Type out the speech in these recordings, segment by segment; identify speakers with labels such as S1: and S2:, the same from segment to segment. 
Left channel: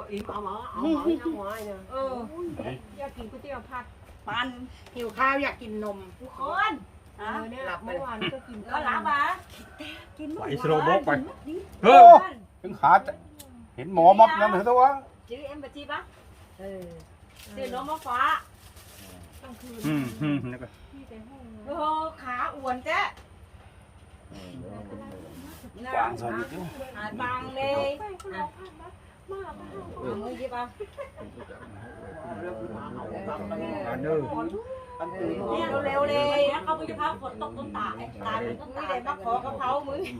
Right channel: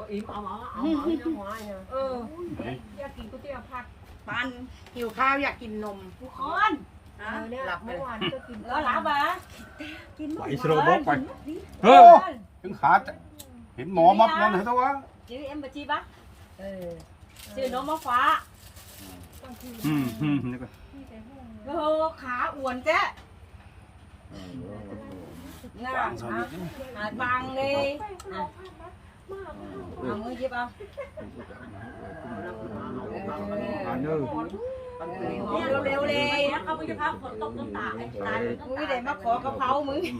S1: อิ่มเอาหมอน้ำหวานเนี่ยอยากกินก๋วยเตี๋ยวผัด
S2: ปันหิวข้าวอยากกินนมทุกคน
S1: เนี่ยเมื่อวานก็กิน
S2: แล้วหลับอ่ะ
S3: ไปสโลบอกไปถึงขาเห็นหมอมับนั่นเหรอตัว
S2: ชื่อเอ็มบัจีปะชื่อนมมะฟ้า
S3: นี่ก็
S2: โอ้ขาอ้วนเจ๊น่าหาบังเลยเอามือยิบเอาเร็วเลยเขาไม่จะพาฝนตกต้นตาตายมึงไม่ได้มาขอกระเพรามึง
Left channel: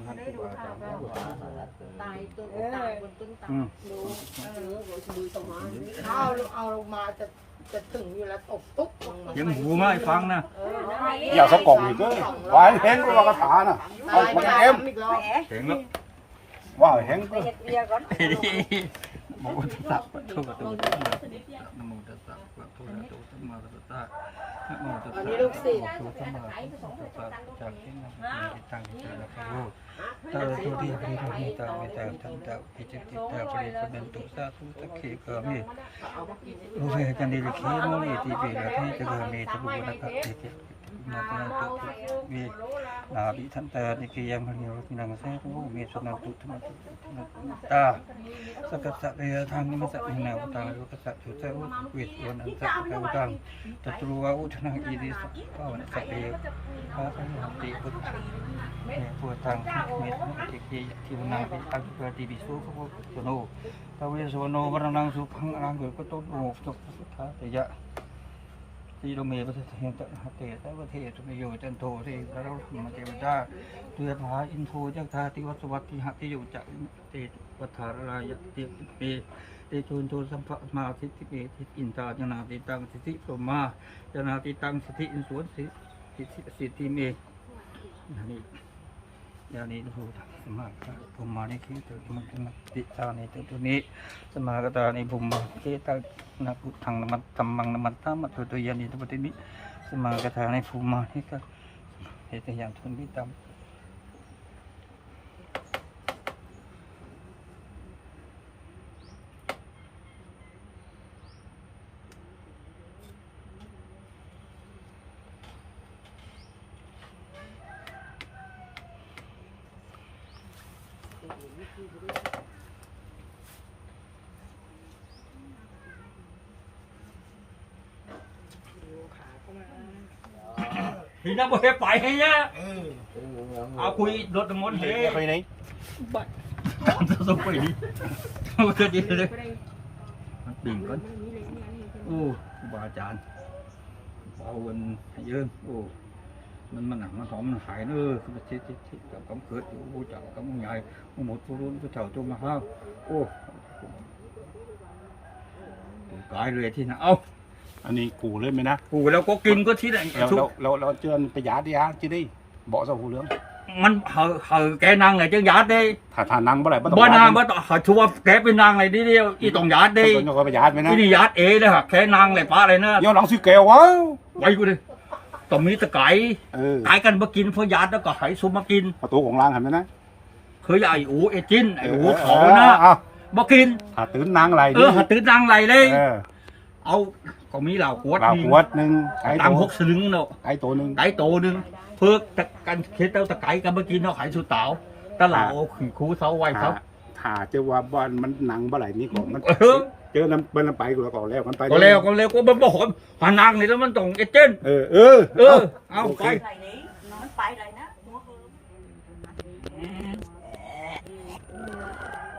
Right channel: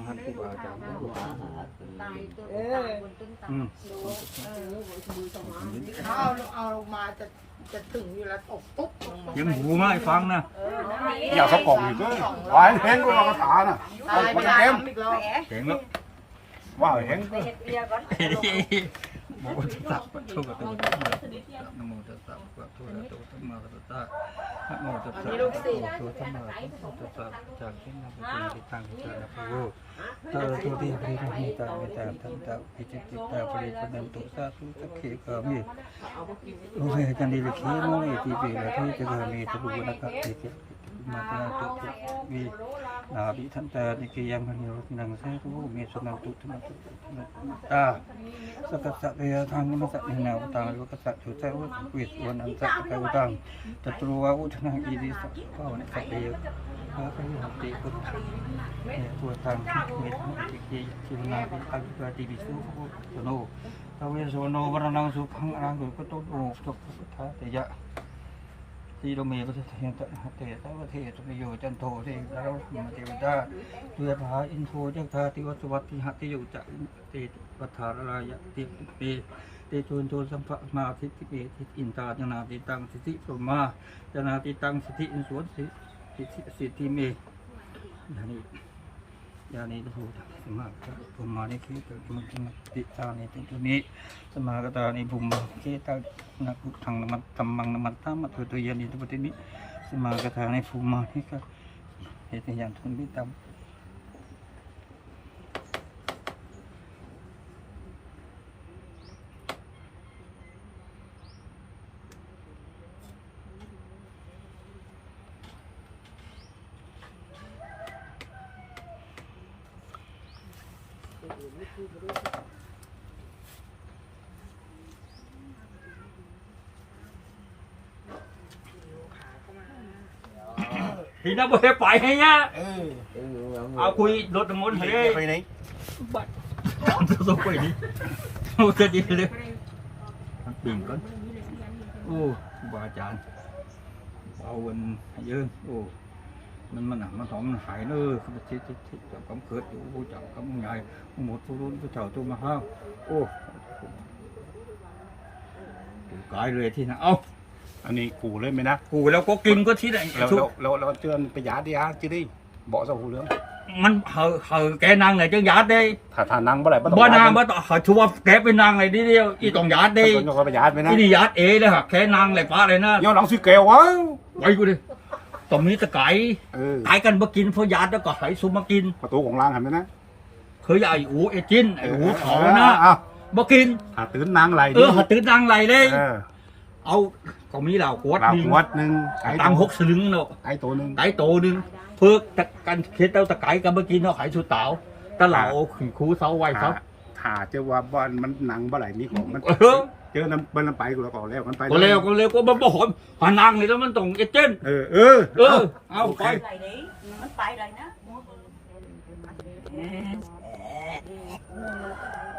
S2: เอาลงมาจะถึงอยู่แล้วตกตุ๊บ
S3: ยังหูมาให้ฟังนะ
S4: อย่าเขากล่องอีกเลยวายแห้งก็ว่ากระถาน่ะเอาคนเอ็ม
S3: แข็งแล้ว
S4: ว่าแห้งก็
S3: มองจะตัดทุกตัวนโมตัสสะภะคะวะโตสัมมาสัมพุทธัสสะนโมตัสสะภะคะวะโตสัมมาสัมพุทธัสสะจากที่นั่งที่ตั้งที่ตั้งพระโลกตาตุติปริภมิตาเมตาทันตาปิจิติตาปริปนันตุสาธุสักขีกามิโอเวกันดิลิขีโมนิติปิระพิจกามิตบุวนักติเกมาเตียตุมีนาบิทันตานิกิยามโยตินังเสตุเมสุนันตุธรรมตุตาสัพพะเรียทางนิมัสสินาวตังโลกัสสะจุเตวะสังวิตวันอันสัพพะตังตัตรุวะอุทนังอีดิสัพพะวันสัพเพพระพหัตติพุทธปวดทางเมตติกิจิวนาติอาภิปติบิสุภุตโนภเวโสโนวรนังสุพังอรังกุตโตโนสุขสุขาเตยะสีโลเมปะเทนตะเตตะวะเทตมโยจันโทเทเราธรรมเทวดาตุยภาอินโทจักธาติวัสวัตติหติโยจะเตวัฏฐารายะเตเปเตโชนโชสัมภมาสิทธิเปสิอินตาจนาติตังสิทธิพรหมาจนาติตังสิทธิอินสวนสิทธิเมนี่ยานี้พูดสมาธิภูมิมานิธิตัวมันจะมาติตาในตัวนี้สมากตาในภูมิเจตานักทางนมัตตัมมังนมัตตามัตถุตัวยานิตัวนี้สมากตาในภูมิมานี่ก็เหตุอย่างทุนพิตามทีนั้นไม่ไปให้ยะเอาคุยรถทั้งหมดให้ไปไหนบัดจะไปนี่โอ้จะดีเลยมันปิ่งก่อนโอ้บาจานเบาวันเยอะโอ้มันหนักมันถอมมันหายเนอะมันชิดกับกำเกิดอยู่ผู้จับกำใหญ่หมดทุรุ่นผู้เฒ่าตัวมาห้าวโอ้กายเลยที่น่ะเอา
S4: อันนี้กูเลยไหมนะ
S3: กูแล้วก็กินก็ที่ไหน
S4: เราเตือนประหยัดดิฮะจีดีบอกสหูเรื่อง
S3: มันเหอแกนางไหนจังยัดได้
S4: ถ้านางเมื่อไหร่
S3: บ่นางบ่ต่อชัวแกเป็นนางไหนทีเดียวอีต้องยัดได้
S4: ต้องคอยประหยัดไหมนะ
S3: นี่ยัดเอเลยฮะแค่นางไหนป้าอะไรนะ
S4: ย้อนหลังสิเกลวะ
S3: ไว้กูดิต้องมีตะไก่ไก่กันมากินเพื่อยัดแล้วก็ไห้ซุมมากิน
S4: ประตูของร้านเห็นไหมนะ
S3: เคยไอ้อูไอ้จิ้นไอ้อูเขานะบ่กิน
S4: หาตื่นนางไหล
S3: หาตื่นนางไหลเลยเอาก็มีเหล่าขวด
S4: หนึ่ง
S3: ตัง6 สลึงเนาะ
S4: ไก่ตัวห
S3: นึ่งเพื่อกันเคสเต้าตะไก่กันมากินเนาะขายสุดเต๋าตะเหล่าขี่คูเสาไว้เสา
S4: ถ้าเจอว่าบอลมันหนังเมื่อไหร่นี่ของมันเจอน้ำไปก็แล้วกันไป
S3: ก็แล้วก็บ่หอมหานางนี่แล้วมันต้องเอเจนเอาไป
S2: ไปเลยนะ